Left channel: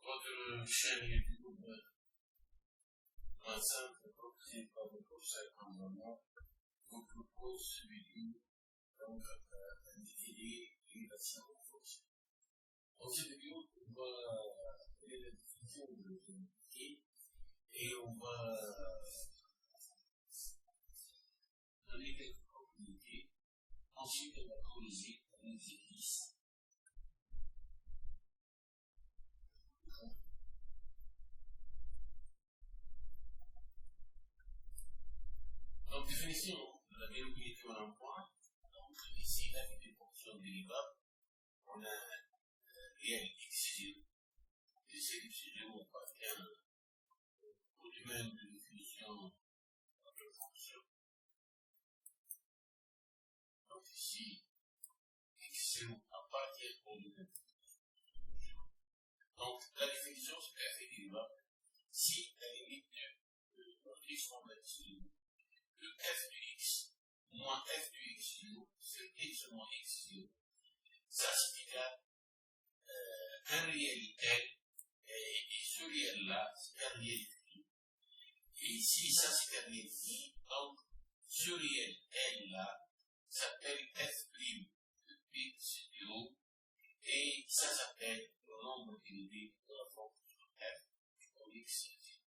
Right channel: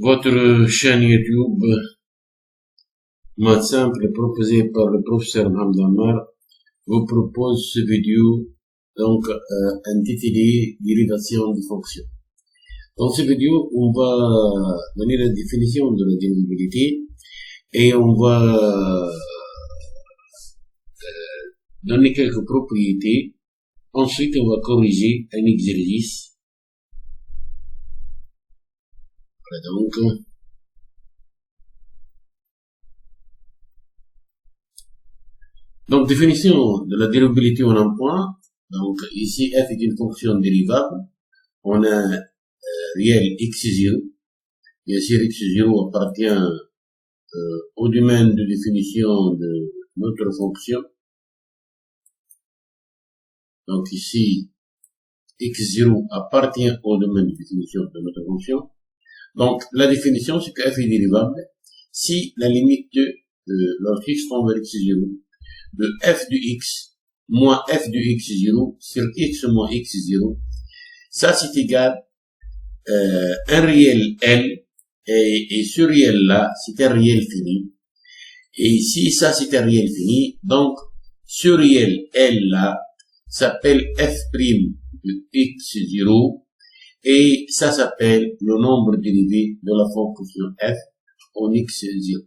Votre chaîne YouTube Maths Simple proposée par le professeur Mohamed Ammar vous propose ce vidéo intitulé Dérivation de fonctions. Dans ce vidéo, on va donner la définition de la dérivabilité et on va donner quelques propriétés. Ensuite, on va corriger un exercice. Voilà donc, définition de la dérivabilité en un point. Donc, ici, f est une fonction dérivable. On a réel x0. Bien sûr, x0 appartient au domaine de définition de notre fonction. Donc, ici, x0 appartient au domaine de définition de notre fonction. Donc, la définition, c'est que f est dérivable si la limite de lorsque x tend vers x0 de f de x moins f de x0 sur x moins x0, ça c'est égal un réel L, et ce réel là c'est un réel fini, et si ça c'est un réel fini, donc ce réel L là s'appelle f' de x0, et ça s'appelle le nombre dérivé de la fonction f en x0.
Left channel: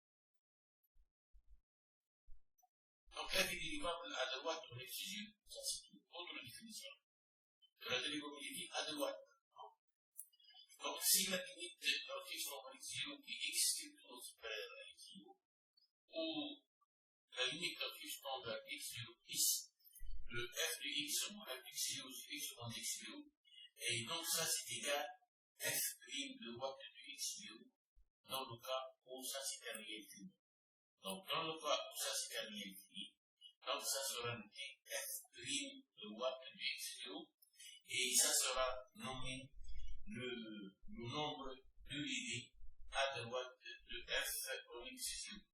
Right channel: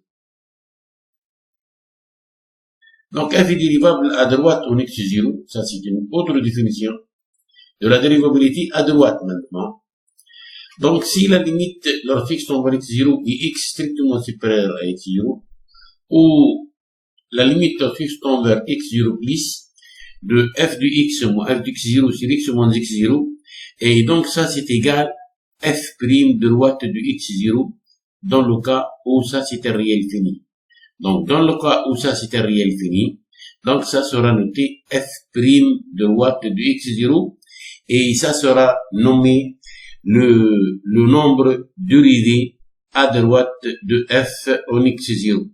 Donc, f est dérivable à droite en x0, ça c'est une autre définition de la dérivabilité à droite maintenant. Donc, si la limite lorsque x tend vers x0 est x strictement supérieur à x0, ou la limite lorsque x tend vers x0 plus de f de x moins f de x0 sur x moins x0, et donc ça c'est égal f' de droite de x0 dans le cas où ça c'est un réel fini. Donc, dans le cas où ça c'est un réel fini, donc ça sera noté f' de droite de x0, et ça sera nommé le nombre dérivé à droite de f en x0.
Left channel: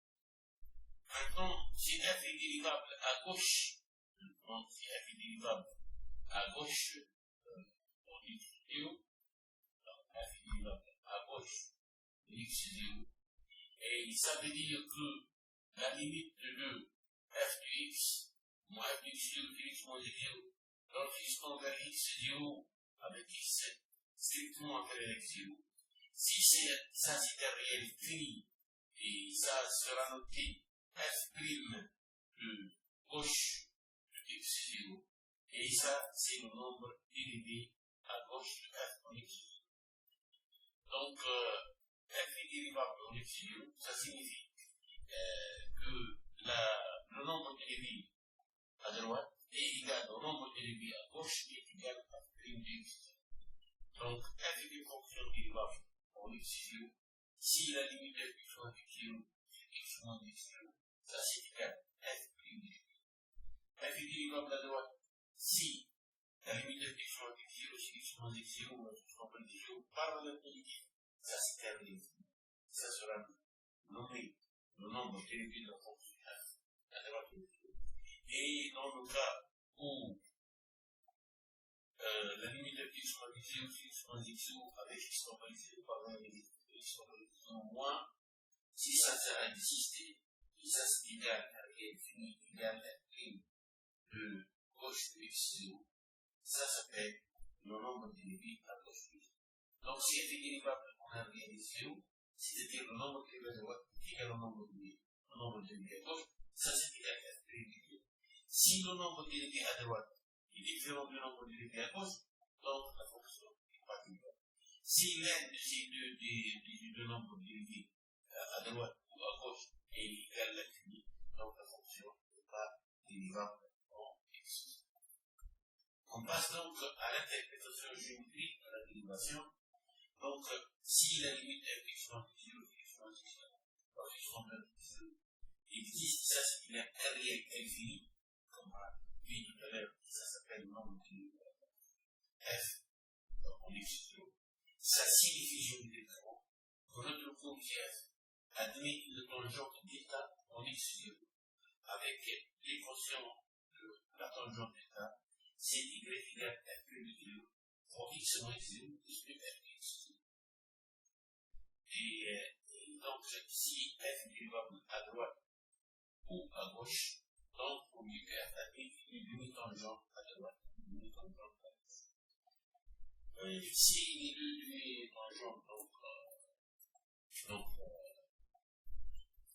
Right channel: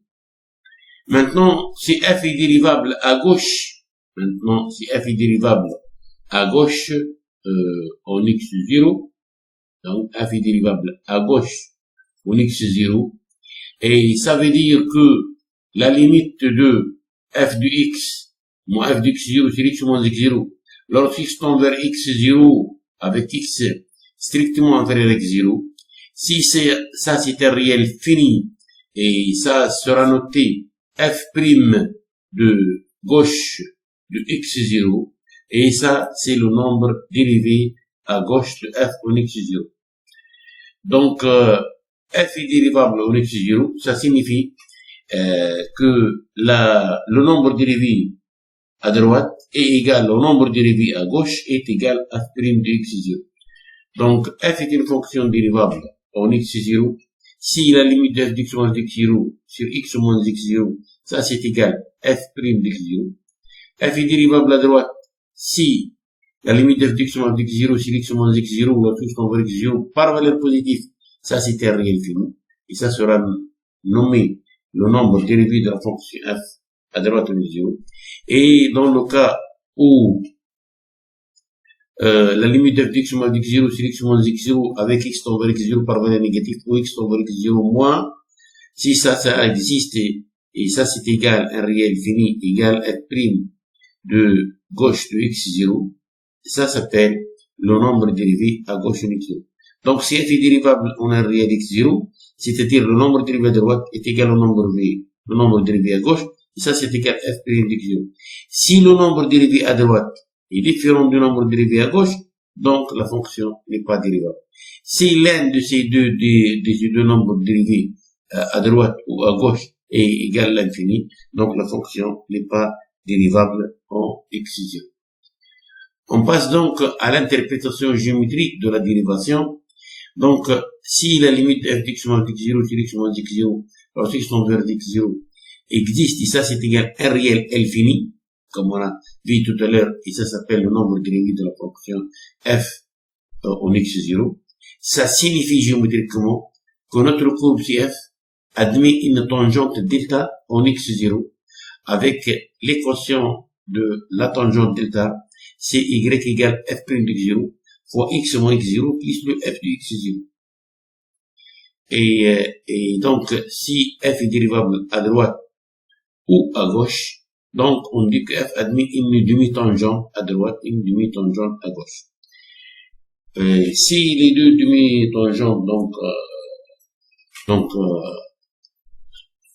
Maintenant, si f est dérivable à gauche, en x0, donc f est dérivable à gauche en x0, et ça veut dire que la limite de f de x moins f de x0 sur x moins x0, lorsque x tend vers x0 avec x strictement inférieur à x0, si ça c'est un réel fini, et ça sera noté f' de gauche de x0, et ça c'est le nombre dérivé à gauche de f en x0. Donc, f est dérivable en x0, ça signifie que le nombre dérivé à droite est égal au nombre dérivé à gauche est égal à f' de x0. Donc, f est une fonction dérivable en x0 si la limite de f de x moins x0 sur x moins x0, ça c'est égal f' de x0. f est dérivable à droite si la limite de f de x moins x0 sur x moins x0 ou x tend vers x0 par valeur positive, ça c'est un réel fini, et ça sera nommé le nombre dérivé de la fonction f à droite de x0. Et dans le cas où la limite de f de x moins x0 sur x moins x0 avec x tend vers x0 par valeur négative ou x tend vers x0 moins, si ça existe, et ça c'est égal un réel fini égal f' de gauche de x0, ça s'appelle le nombre dérivé à gauche de x0. Donc, si f est dérivable en un réel x0, c'est-à-dire le nombre dérivé à droite est égal au nombre dérivé à gauche, et ça c'est égal f' de x0. Si le nombre dérivé à droite est différent du nombre dérivé à gauche, donc la fonction n'est pas dérivable. Si l'un de ces deux nombres dérivés à droite ou à gauche est égal à l'infini, donc la fonction n'est pas dérivable en x0. On passe donc à l'interprétation géométrique de la dérivation. Donc, si la limite f de x moins x0 sur x moins x0, lorsque x tend vers x0 existe, et ça c'est égal à un réel L fini, comme on a vu tout à l'heure, et ça s'appelle le nombre dérivé de la fonction f en x0, ça signifie géométriquement que notre courbe CF admet une tangente delta en x0 avec l'équation de la tangente delta, c'est y égale f' de x0 fois x moins x0 plus le f de x0. Et donc, si f est dérivable à droite ou à gauche, donc on dit que f admet une demi-tangente à droite, une demi-tangente à gauche. Si les deux demi-tangentes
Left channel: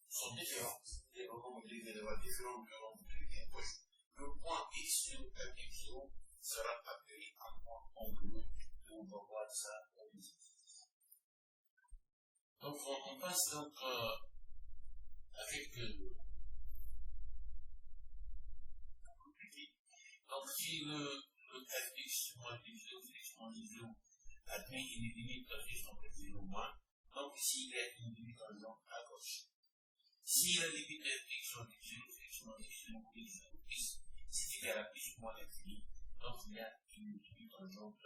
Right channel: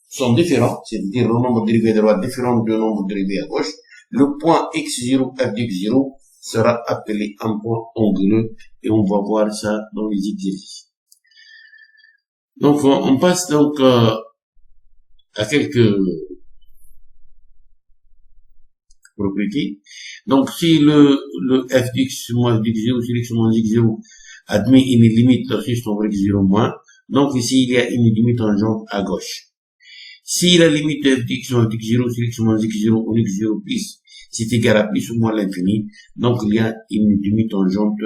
sont différents, c'est-à-dire le nombre dérivé à droite différent du nombre dérivé à gauche, le point x0 f de x0 sera appelé un point anguleux et on va voir ça dans les exercices. Donc on passe donc à quelques propriétés. Donc si le f d'x moins x0 sur x moins x0 admet une limite juste over x0 moins, donc ici il y a une demi-tangente à gauche. Si la limite de f d'x moins x0 sur x moins x0 ou x0 plus c'est égal à plus ou moins l'infini, donc il y a une demi-tangente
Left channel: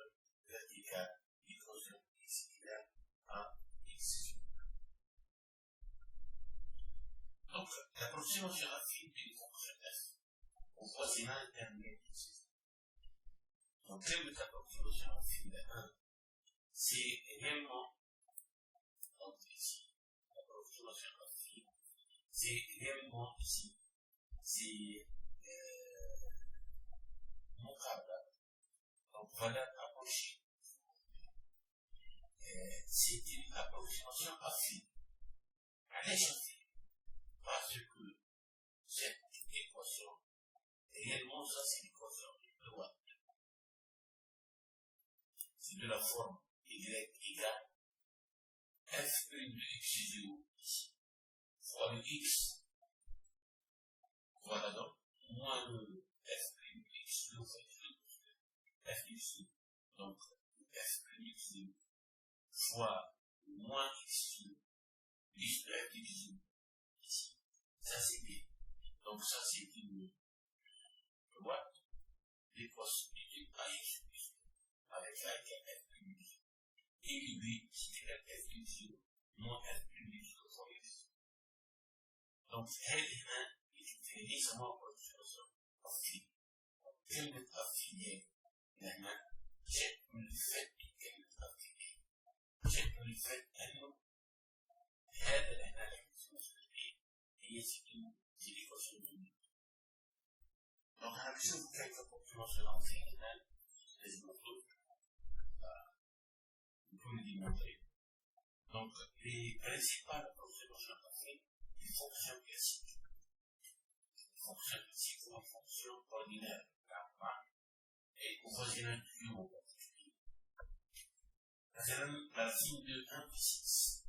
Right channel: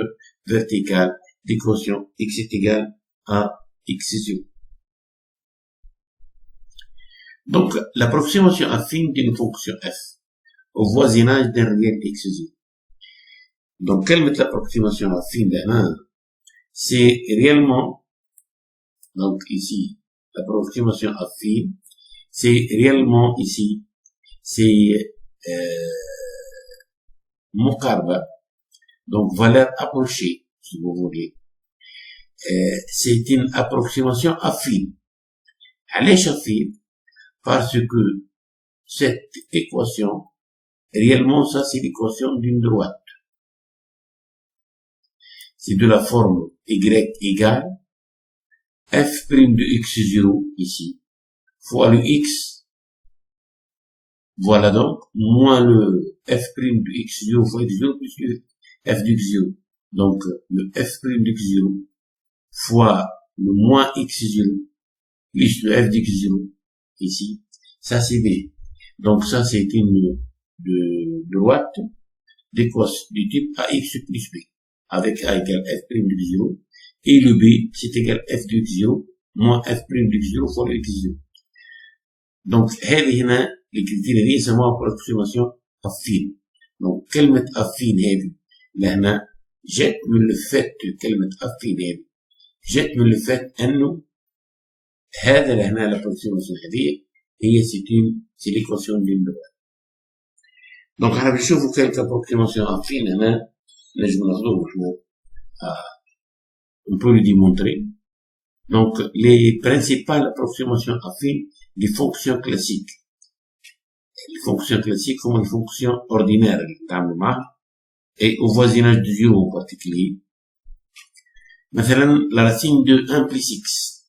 verticale d'équation x est égal à x0. Donc l'approximation affine d'une fonction f au voisinage d'un réel x0. Donc quelle est l'approximation affine d'un? C'est réellement, donc ici, l'approximation affine, c'est réellement ici, c'est Mokarba, donc valeur approchée, si vous voulez. C'est une approximation affine. Elle est affine parce que cette équation, réellement, ça c'est l'équation d'une droite. C'est de la forme y égale f' de x0 ici, fois le x, voilà donc, moins le f' de x0 fois x0 plus le f de x0. Donc, le f' de x0 fois le moins x0 plus le f de x0 ici, ça c'est b. Donc ça c'est une droite d'équation du type ax plus b, avec a égale f' de x0, et le b c'est égal f de x0 moins f' de x0 fois le x0. Donc هذه هنا الكريتيريا دي يسموها approximation affine. Donc كلمة affine هذه لهنا جت من الفات كلمة affine هذه جت من الفات انه هذا لهنا l'approximation هذه هي c'est l'équation d'une droite. Donc احنا بنشوفوا quelques approximations affine هنا نجم ناخذوهم احنا on peut le démontrer. Donc les principales approximations affines des fonctions classiques. Les fonctions classiques comme les fonctions ordinaires, et au voisinage de 0 en particulier. Maintenant, la racine de 1 plus x.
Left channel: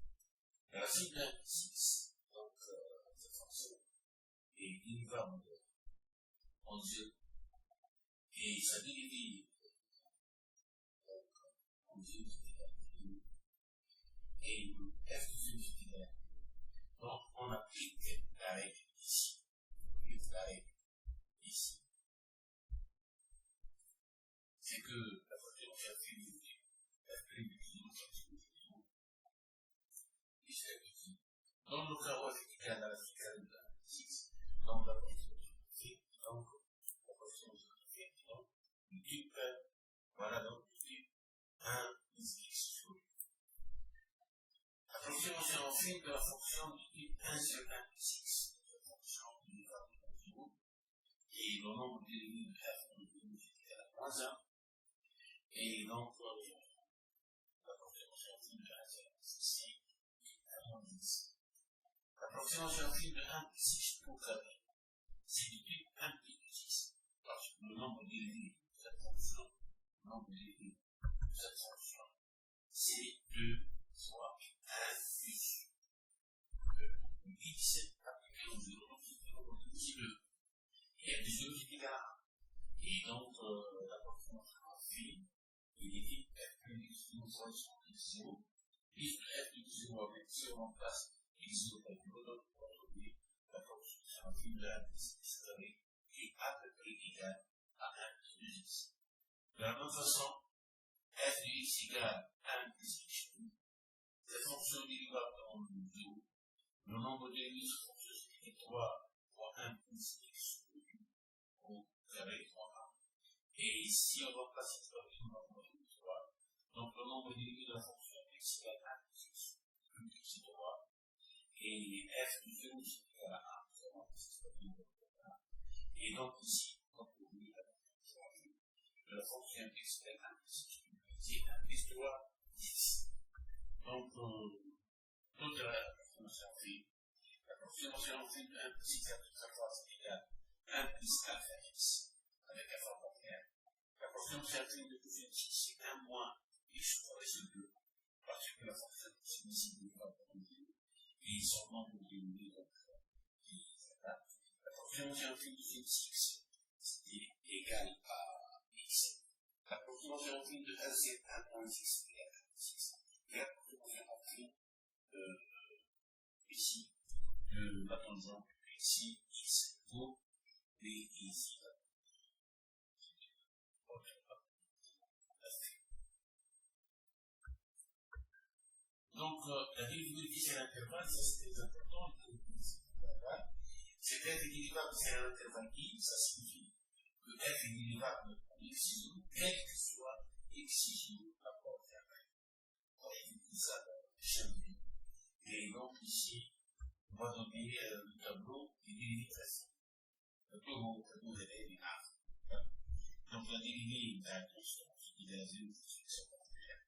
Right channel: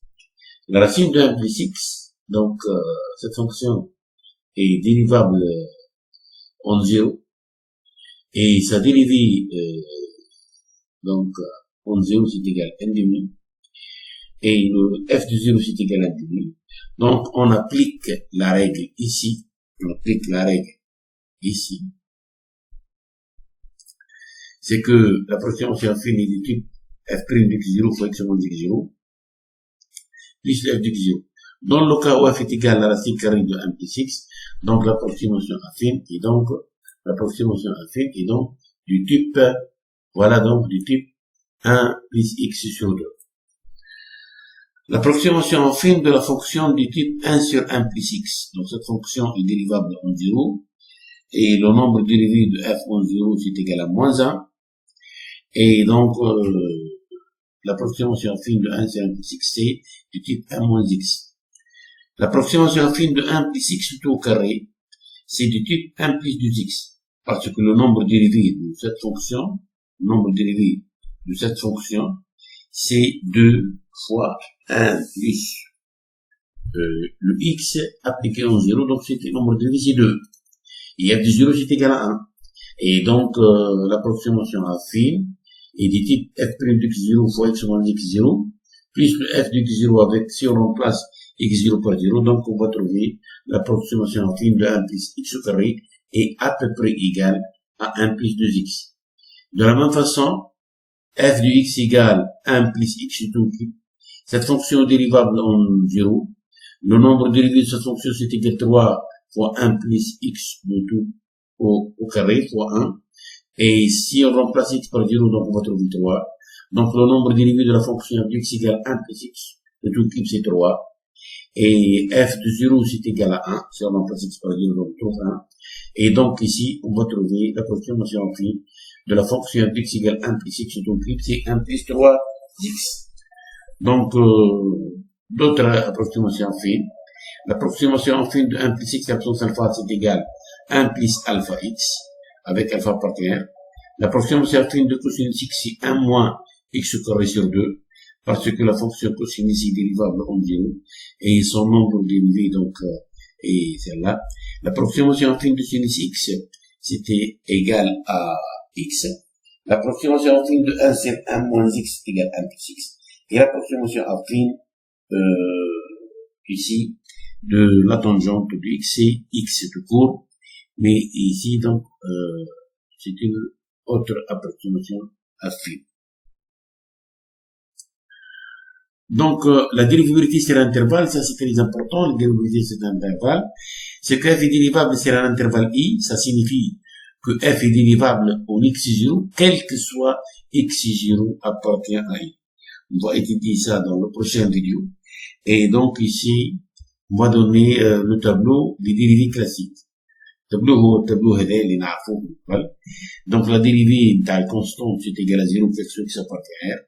La racine de 1 plus x, donc cette fonction est dérivable en 0, et sa dérivée donc en 0 c'est égal à 1 demi, et le f de 0 c'est égal à 1 demi. Donc, on applique la règle ici. On applique la règle ici. C'est que l'approximation affine est du type f' de x0 fois x moins x0 plus f de x0. Dans le cas où f est égal à la racine carrée de 1 plus x, donc l'approximation affine est donc du type, voilà donc du type 1 plus x sur 2. L'approximation affine de la fonction du type 1 sur 1 plus x. Donc cette fonction est dérivable en 0 et le nombre dérivé de f en 0 c'est égal à moins 1. Et donc l'approximation affine de 1 sur 1 plus x c'est du type 1 moins x. L'approximation affine de 1 plus x tout au carré c'est du type 1 plus 2x. Parce que le nombre dérivé de cette fonction, c'est 2 fois 1 plus le x appliqué en 0, donc c'est le nombre dérivé c'est 2. Et f de 0 c'est égal à 1. Et donc l'approximation affine est du type f' de x0 fois x moins x0, plus le f de x0 avec, si on remplace x0 par 0, donc on va trouver l'approximation affine de 1 plus x au carré est à peu près égal à 1 plus 2x. De la même façon, f de x égale 1 plus x tout cube. Cette fonction est dérivable en 0. Le nombre dérivé de cette fonction c'est égal à 3 fois 1 plus x de tout au carré fois 1. Et si on remplace x par 0, donc on va trouver 3. Donc le nombre dérivé de la fonction f de x égale 1 plus x de tout type c'est 3. Et f de 0 c'est égal à 1. Si on remplace x par 0, on trouve 1. Et donc ici, on va trouver l'approximation affine de la fonction x égale 1 plus x, donc c'est 1 plus 3x. Donc, d'autres approximations affines. L'approximation affine de 1 plus x à puissance alpha, c'est égal à 1 plus alpha x, avec alpha partenaire. L'approximation affine de cosinus x, c'est 1 moins x carré sur 2, parce que la fonction cosinus est dérivable en 0, et son nombre dérivé, donc, est celle-là. L'approximation affine de sinus x, c'était égal à x. L'approximation affine de 1, c'est 1 moins x égale 1 plus x. Et l'approximation affine, ici, de la tangente de x, c'est x tout court. Mais ici, donc, c'est une autre approximation affine. Donc, la dérivabilité sur l'intervalle, ça c'est très important, la dérivabilité sur l'intervalle. C'est que f est dérivable sur un intervalle i, ça signifie que f est dérivable en x0, quel que soit x0 appartient à i. On va étudier ça dans la prochaine vidéo. Et donc ici, on va donner le tableau des dérivés classiques. التابلو هذا اللي نعرفوه من قبل. Donc la dérivée نتاع الكونستانت c'est égal à 0 plus x appartient à r.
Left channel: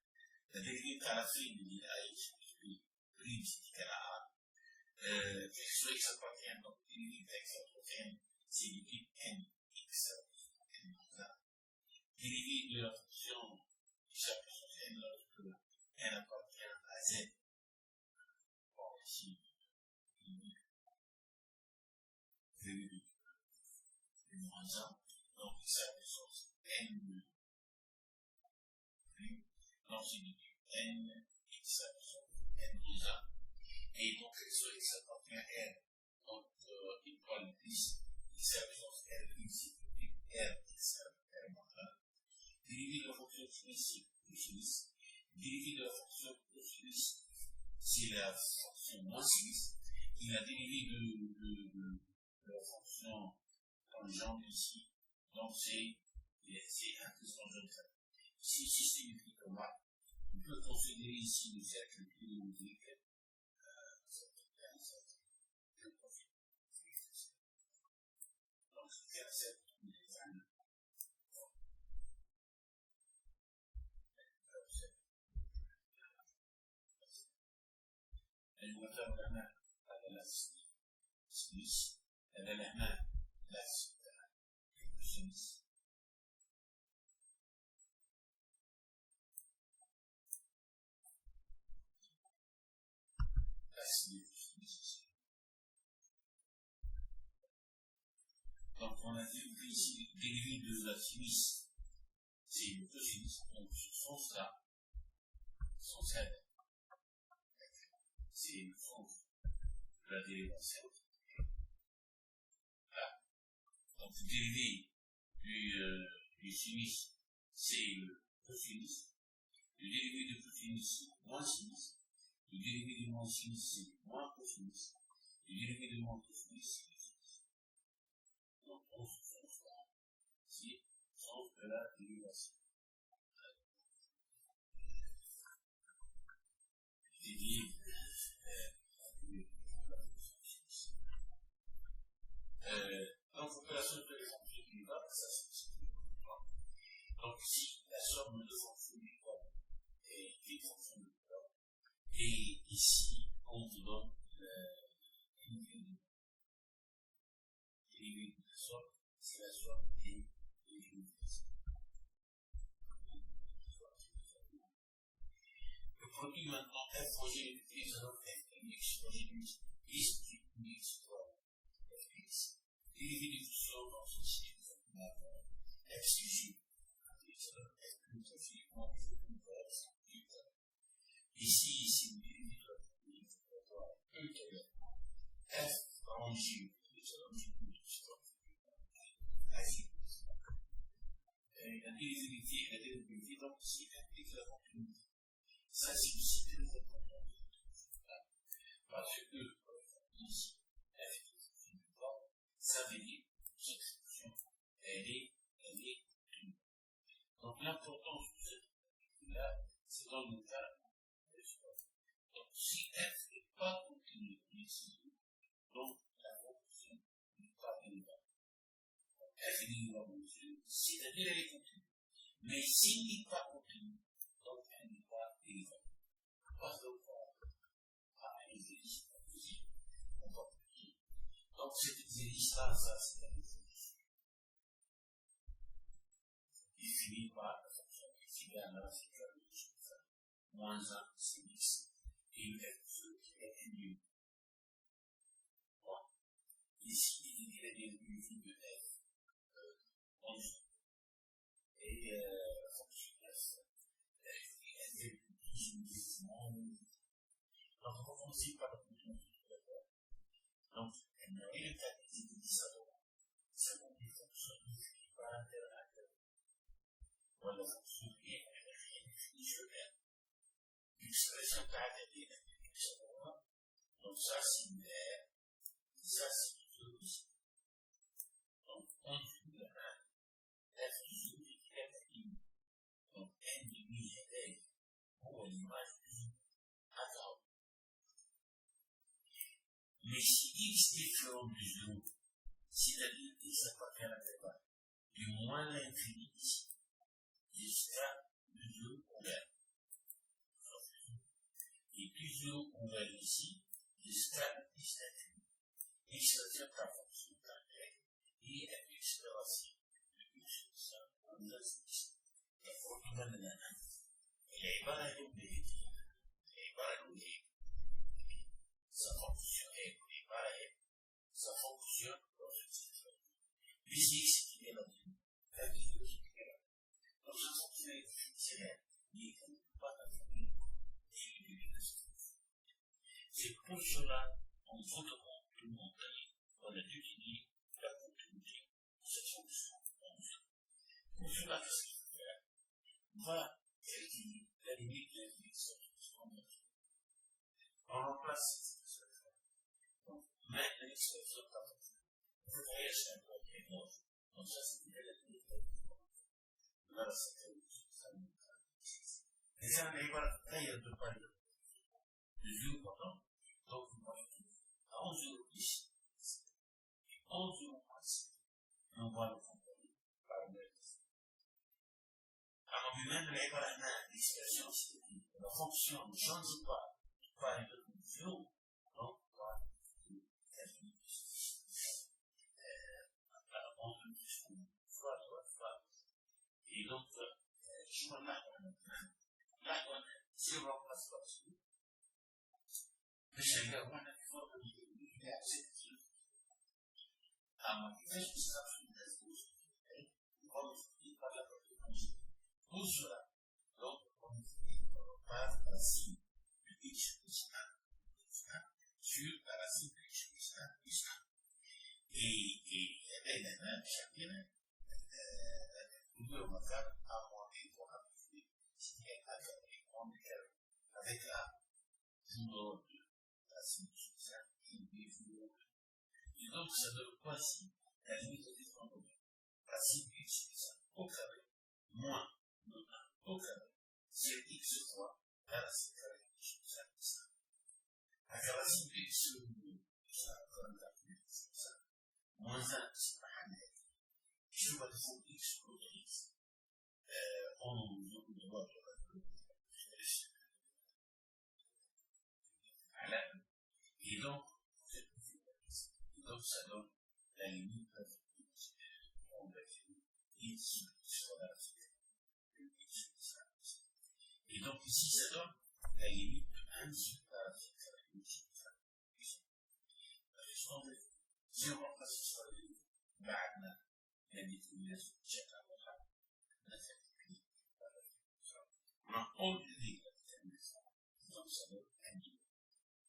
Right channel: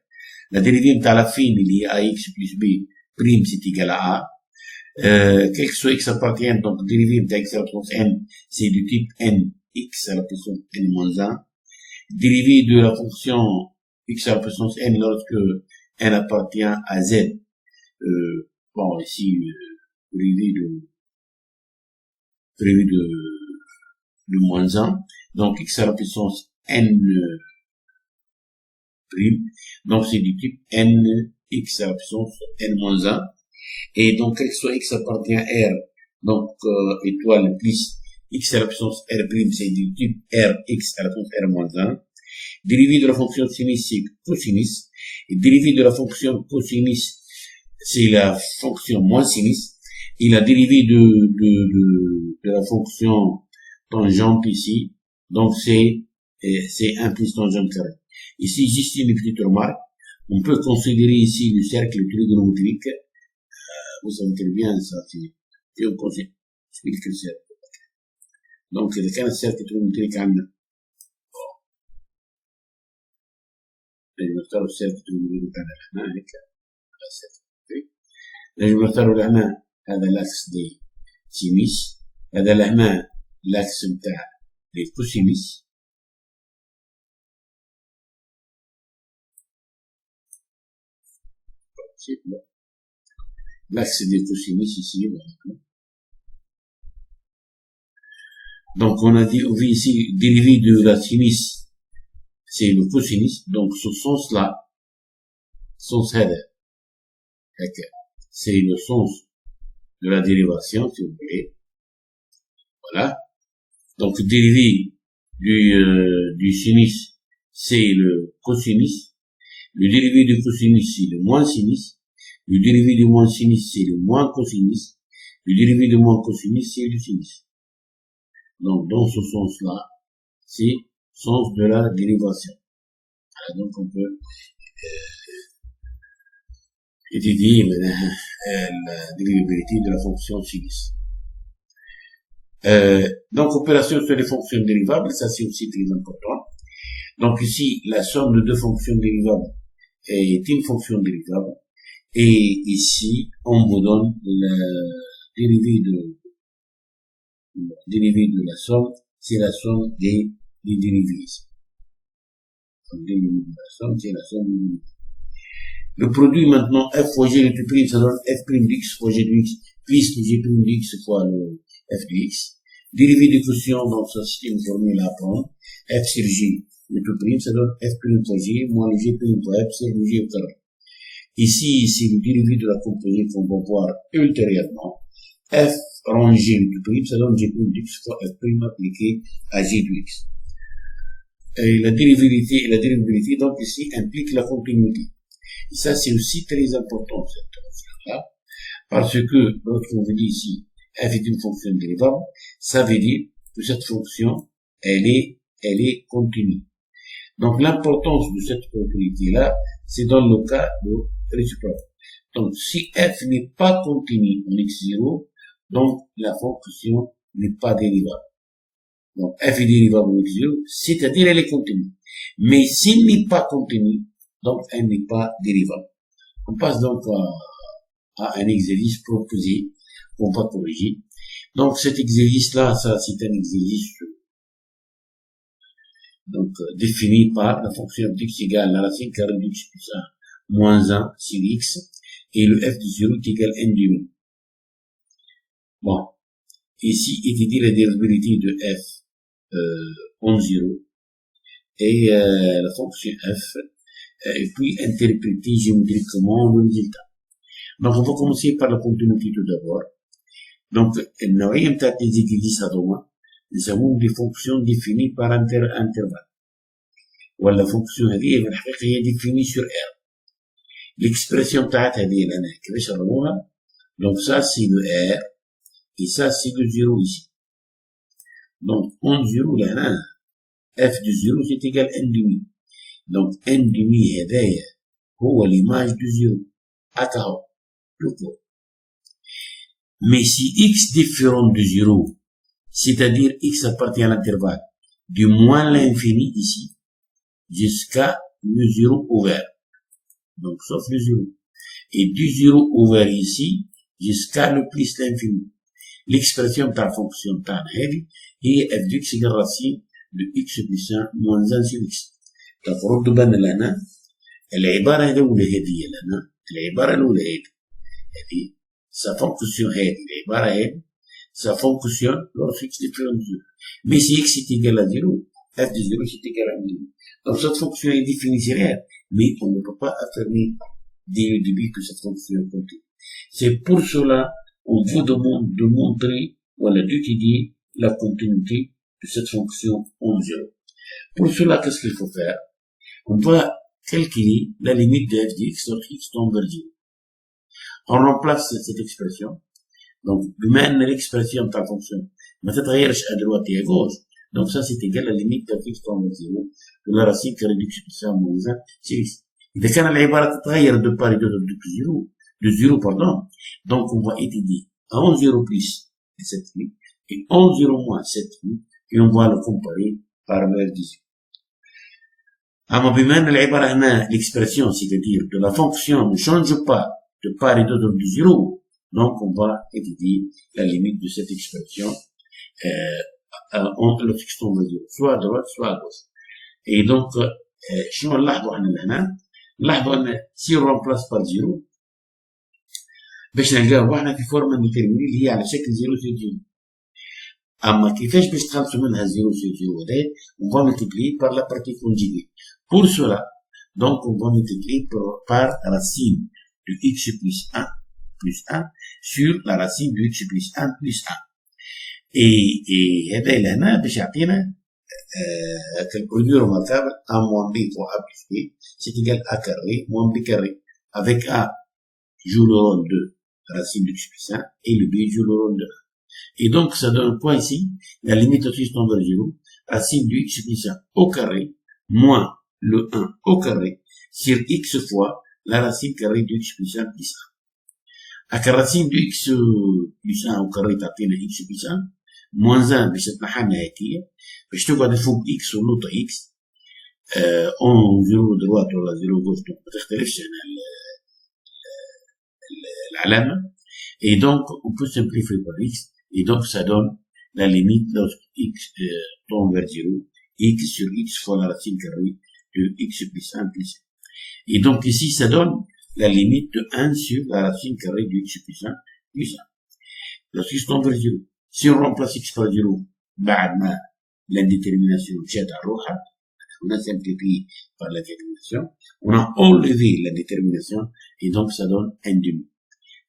La dérivée نتاع la fine اللي هي ax plus b prime c'est égal à a. Quel que soit x appartient, donc la dérivée نتاع x à la puissance n c'est du type n x à la puissance n moins 1. Dérivée de la fonction x à la puissance n lorsque n appartient à z. Bon ici dérivée de moins 1, donc x à la puissance n prime, donc c'est du type n x à la puissance n moins 1, et donc quel que soit x appartient à r, donc étoile plus x à la puissance r prime, c'est du type r x à la puissance r moins 1, dérivée de la fonction sinus c'est cosinus, et dérivée de la fonction cosinus c'est la fonction moins sinus, et la dérivée de la fonction tangente ici, donc c'est 1 plus tangente carré. Ici, juste une petite remarque. On peut considérer ici le cercle trigonométrique. Vous savez très bien ça, c'est on considère le cercle. Donc, il y a un cercle trigonométrique à نختار السيركل بتاعنا هنا هيك نجم نختاروا لهنا هذا الاكس دي سينيس، هذا لهنا الاكس بتاع الكوسينيس، l'axe des cosinus ici. Donc on a dit, on vit ici dérivé de la sinus, c'est le cosinus, donc ce sens-là, sens header, c'est le sens de la dérivation, si vous voulez. Voilà. Donc dérivé du sinus, c'est le cosinus. Le dérivé du cosinus, c'est le moins sinus. Le dérivé du moins sinus, c'est le moins cosinus. Le dérivé du moins cosinus, c'est le sinus. Donc, dans ce sens-là, c'est le sens de la dérivation. Voilà, donc, on peut étudier la dérivabilité de la fonction sinus. Donc, opération sur les fonctions dérivables, ça c'est aussi très important. Donc, ici, la somme de deux fonctions dérivables est une fonction dérivable. Et ici, on vous donne la dérivée de la somme, c'est la somme des dérivés. Donc, dérivée de la somme, c'est la somme des dérivés. Le produit maintenant, f fois g de prime, ça donne f prime de x fois g de x, plus g prime de x fois le f de x. Dérivée de quotient, donc ça c'est une formule à apprendre. F sur g de tout prime, ça donne f prime fois g, moins le g prime fois f sur le g au carré. Ici, c'est le dérivé de la composée qu'on va voir ultérieurement. F rond g de tout prime, ça donne g prime de x fois f prime appliqué à g de x. Et la dérivabilité, donc ici, implique la continuité. Et ça, c'est aussi très important, cette fonction-là, parce que, lorsqu'on veut dire ici, f est une fonction dérivable, ça veut dire que cette fonction, elle est continue. Donc, l'importance de cette continuité-là, c'est dans le cas de réciproque. Donc, si f n'est pas continu en x0, donc la fonction n'est pas dérivable. Donc, f est dérivable en x0, c'est-à-dire elle est continue. Mais s'il n'est pas continu, donc elle n'est pas dérivable. On passe donc à un exercice proposé, qu'on va corriger. Donc, cet exercice-là, ça, c'est un exercice donc défini par la fonction de x égale la racine carrée de x plus 1 moins 1 sur x, et le f de 0 est égal à n demi. Bon, ici, il dit la dérivabilité de f en 0, et la fonction f, et puis interpréter géométriquement le résultat. Donc, on va commencer par la continuité tout d'abord. Donc, النوعية بتاعت الإكزيرسيس هذوما نسموهم دي فونكسيون ديفيني بار انترفال. ولا فونكسيون هذه في الحقيقة هي ديفيني سور ار. l'expression بتاعت هذه لنا كيفاش نرموها؟ donc ça c'est le r et ça c'est le 0 ici. donc en 0 لهنا f de 0 c'est égal à n demi. donc n demi هذايا هو l'image de 0 هكا هو لو. Mais si x différent de 0, c'est-à-dire x appartient à l'intervalle du moins l'infini ici, jusqu'à le 0 ouvert. Donc, sauf le 0. Et du 0 ouvert ici, jusqu'à le plus l'infini. L'expression de la fonction de la est f de x égale racine de x plus 1 moins 1 sur x. Donc, رد بالنا لنا العبارة الأولى هذه لنا العبارة الأولى هذه ça fonctionne, ça fonctionne lorsque x est différent de 0. Mais si x est égal à 0, f de 0 c'est égal à 0. Donc cette fonction est définie sur R, mais on ne peut pas affirmer dès le début que cette fonction est continue. C'est pour cela qu'on vous demande de montrer, voilà, d'étudier la continuité de cette fonction en 0. Pour cela, qu'est-ce qu'il faut faire? On va calculer la limite de f de x lorsque x tend vers 0. On remplace cette expression. Donc, بما ان l'expression de la fonction ما تتغيرش à droite et à gauche, donc ça c'est égal à la limite de x tend vers 0 de la racine carrée de x plus 1 moins 1 sur x. إذا كان العبارة تتغير de part et d'autre de 0, pardon, donc on va étudier en 0 plus cette limite et en 0 moins cette limite, et on va le comparer par valeur de 0. أما بما ان العبارة هنا l'expression, c'est-à-dire de la fonction ne change pas de part et d'autre de 0, donc on va étudier la limite de cette expression entre le x tend vers 0, soit à droite, soit à gauche. Et donc, شنو نلاحظوا احنا هنا؟ نلاحظوا ان si on remplace par 0 باش نلقاو احنا في فورمه ديتيرميني اللي هي على شكل 0 sur 0. اما كيفاش باش تخلصوا منها 0 sur 0 هذا؟ on va multiplier par la partie conjuguée. Pour cela, donc on va multiplier par racine de x plus 1 sur la racine de x plus 1 plus 1. Et هذا لهنا باش يعطينا quel produit remarquable a moins b fois a plus b, c'est égal à a carré moins b carré. Avec a joue le rôle de racine de x plus 1 et le b joue le rôle de 1. Et donc ça donne quoi ici? La limite de x tend vers 0, racine de x plus 1 au carré moins le 1 au carré sur x fois la racine carrée de x plus 1 plus 1. À racine de x plus 1 au carré تعطينا x plus 1 moins 1 باش تتنحى النهاية باش تقعد فوق x ونوطة x اون 0 دروات ولا 0 غوش ما تختلفش هنا العلامة. Et donc on peut simplifier par x et donc ça donne la limite lorsque x tend vers 0, x sur x fois la racine carrée de x plus 1 plus 1. Et donc ici ça donne la limite de 1 sur la racine carrée de x plus 1 plus 1. Lorsque x tend vers 0, si on remplace x par 0 بعد ما l'indétermination جات على روحها, on a simplifié par la détermination, on a enlevé la détermination et donc ça donne n demi.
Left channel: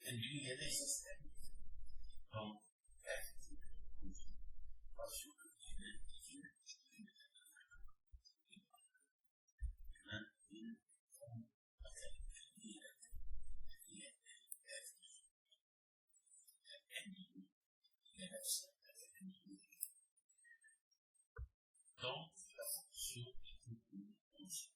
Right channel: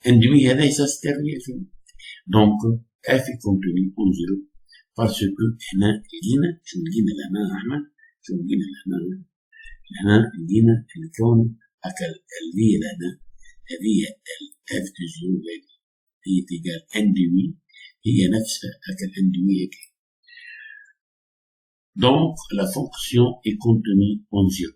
n demi هذا ça c'est terminé. Donc f est contenu en 0 parce que هنا لقينا شو لقينا لهنا احنا شو لقينا لهنا هنا لقينا الكون أكل اللي لنا هذه f de 0 هي تجاه n demi هي نفسها أكل n demi هيك. Donc la fonction est contenue en 0.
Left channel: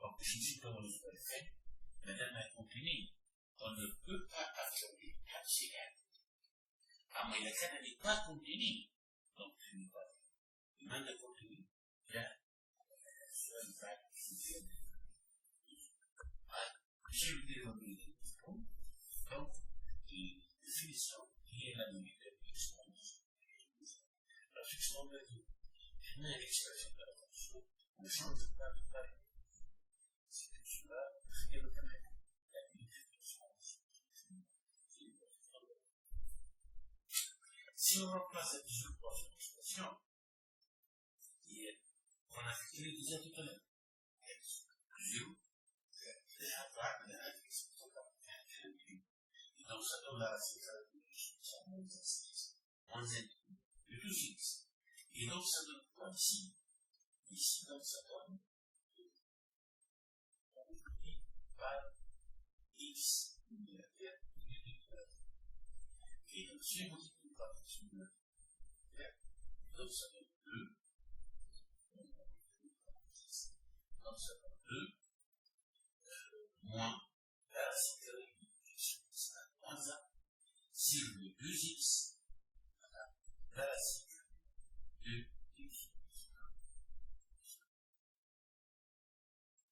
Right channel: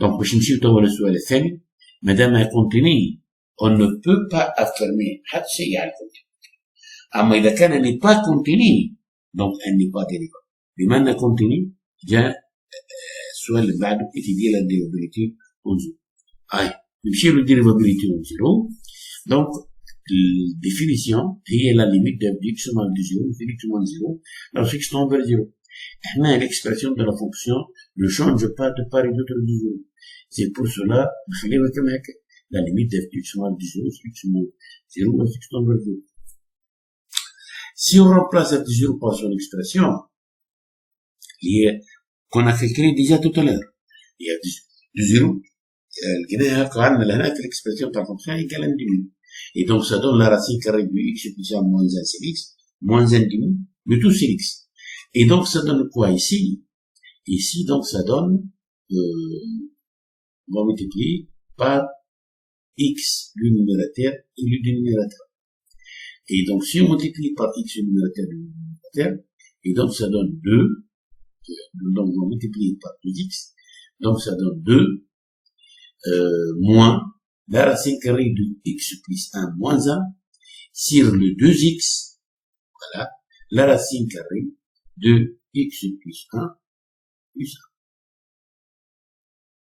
Donc باش نمشيو توا للسؤال الثاني مادام continue on ne peut pas affirmer حتى شيء على continue. أما إذا كان n'est pas continue donc elle n'est pas dérivable. بما أنها continue جاء السؤال اللي بعده étudier la dérivabilité en zéro. نمشي له dérivabilité en zéro. donc الديفينيسيون هي لا ليميت دو x moins de 0 infinity moins 0 la fixe tend vers 0. احنا l'expression de la fonction ne change pas de part et d'autre de 0. c'est pour cela نخليها كما هكا la limite de x moins de 0 x moins 0 la fixe tend vers 0. si on remplace cette 0 par son expression qu'on a calculé déjà tout à l'heure, il y a de 0 لقيناها قعدنا لهنا في l'expression de la fonction égale 1 demi. Et donc, ça donne la racine carrée de x puissance moins 1 sur x, moins 1 demi, de tout sur x. Et donc, ça donne quoi ici? Ici, donc, ça donne, on va multiplier par x le numérateur et le dénominateur. Et donc, si on multiplie par x le numérateur et le dénominateur, et donc, ça donne 2, donc, on va multiplier par 2x, donc, ça donne 2, moins la racine carrée de x plus 1 moins 1 sur le 2x, voilà, la racine carrée de x plus 1 plus 1.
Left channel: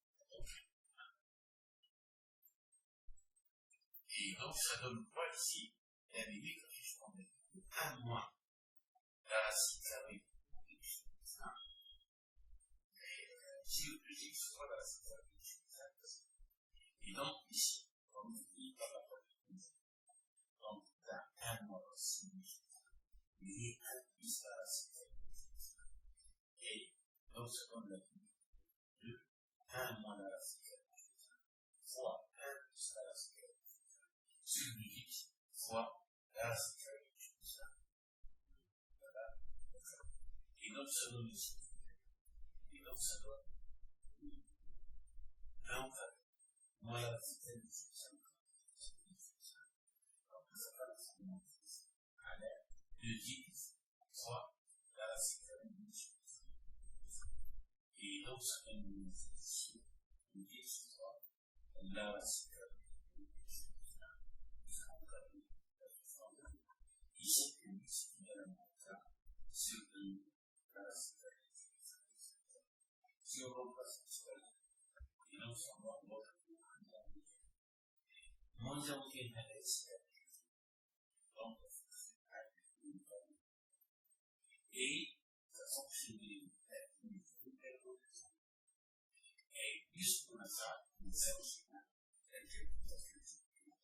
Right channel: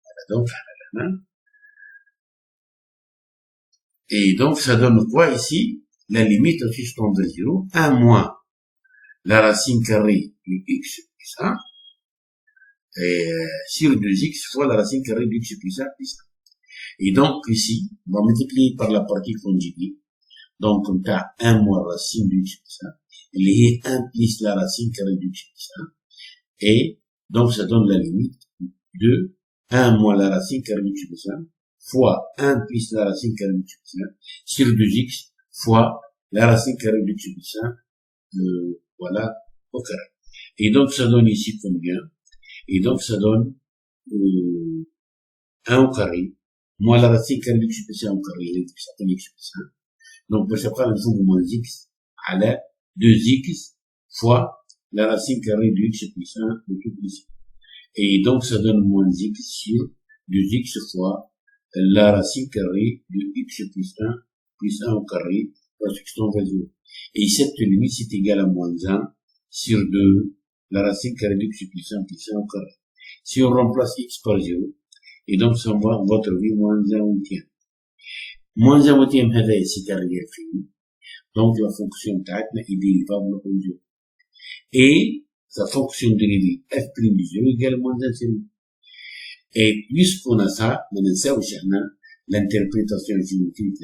Voilà, donc, à la main. Et donc, ça donne quoi ici? La limite au fixe tend vers 0, 1 moins la racine carrée de x plus 1, et sur 2x fois la racine carrée de x plus 1 plus 1. Et donc, ici, on va multiplier par la partie conjuguée. Donc, on a 1 moins la racine de x plus 1. Il y a 1 plus la racine carrée de x plus 1. Et donc, ça donne la limite de 1 moins la racine carrée de x plus 1 fois 1 plus la racine carrée de x plus 1 sur 2x fois la racine carrée de x plus 1, voilà, au carré. Et donc, ça donne ici combien? Et donc, ça donne 1 au carré. Moins la racine carrée de x plus 1 au carré, ça donne x plus 1. Donc, je prends le fond de moins x à la 2x fois la racine carrée de x plus 1 de tout plus 1. Et donc, ça donne moins x sur 2x fois la racine carrée de x plus 1 au carré, la fixe tend vers 0. Et cette limite, c'est égal à moins 1 sur 2 la racine carrée de x plus 1 au carré. Si on remplace x par 0, et donc, ça on va trouver moins 1 huitième. Moins 1 huitième, c'est un réel fini. Donc, la fonction تاعتنا est dérivable au 0. Et sa fonction dérivée f' de 0 égale moins 1 sur 1. Et puisqu'on a ça, on a ça aussi, l'interprétation géométrique,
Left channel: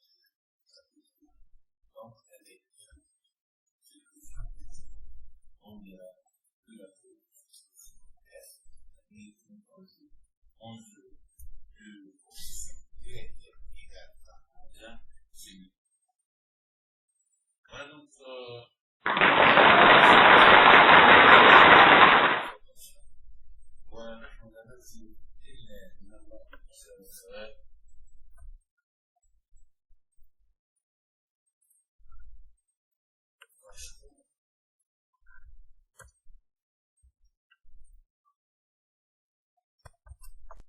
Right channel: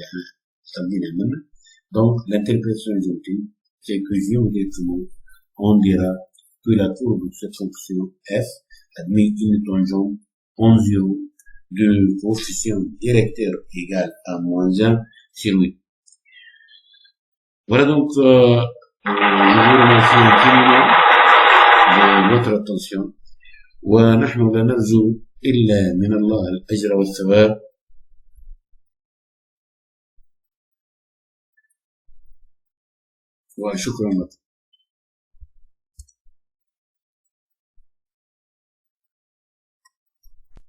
donc, l'interprétation géométrique, c'est que géométriquement, on dira que la courbe de cette fonction f admet une tangente en 0 de coefficient directeur égal à moins 1 sur 8. Voilà donc, je vous remercie infiniment de votre attention. ونحن لا نرجو إلا من الله الأجر والثواب. وشكرا لكم.